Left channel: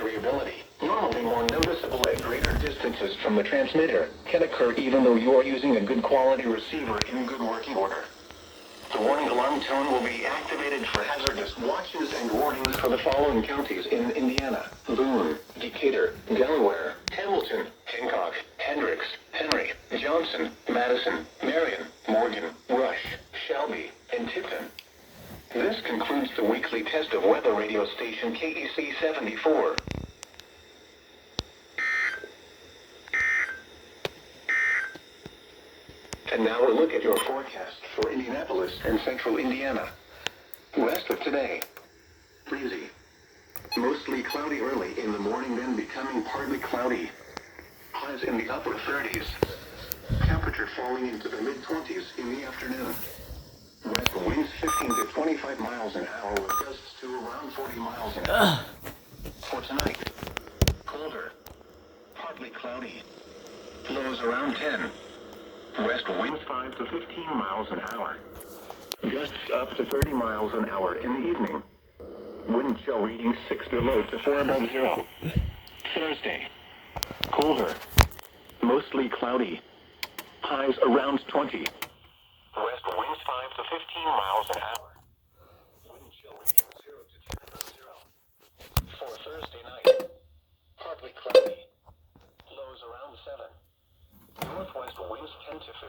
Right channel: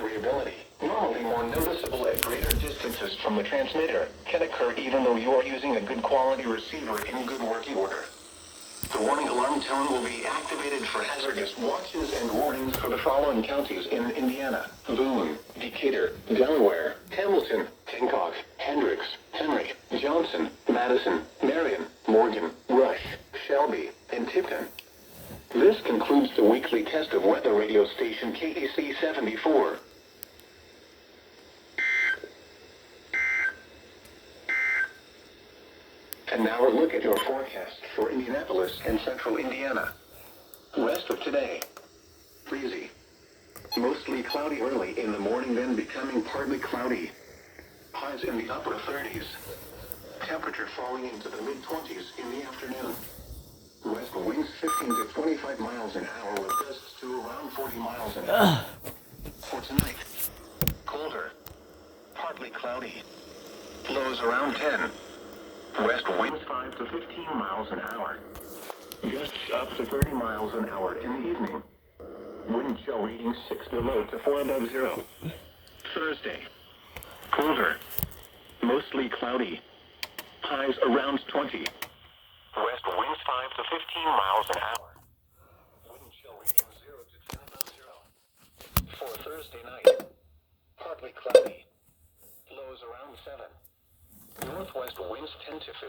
variability, normally more noticeable at greater distances from the transmitter, can occur even though you are using a good quality receiver in good working order. The warning alarm tone will be activated for hazardous watches and warnings for the following counties in Indiana: Boone, Decatur, Delaware, Hamilton, Hancock, Hendricks, Henry, Johnson, Madison, Marion, Morgan, Rush, Shelby, and Tipton. This concludes the weekly test of weather radio station KEC74. And now a look at your forecast for Indianapolis and central Indiana. West of today, breezy. Mostly cloudy early in the morning, then becoming partly cloudy. Highs in the upper 30s. Temperature falling into the mid-20s in the afternoon. West winds 15 to 25 miles an hour with gusts to around 40 miles an hour. For tonight, colder, partly cloudy. Lows around 10. West winds 5 to 15 miles an hour. Gusts up to 30 miles an hour in the evening. Wind chill reading 6 below to 4 above zero. Thursday, colder, mostly cloudy. Highs around 20. West winds 5 to 15 miles an hour. Wind chill reading 0 to 10 above zero. For Thursday night, partly cloudy. Lows around 7. Northwest winds 10 to 15.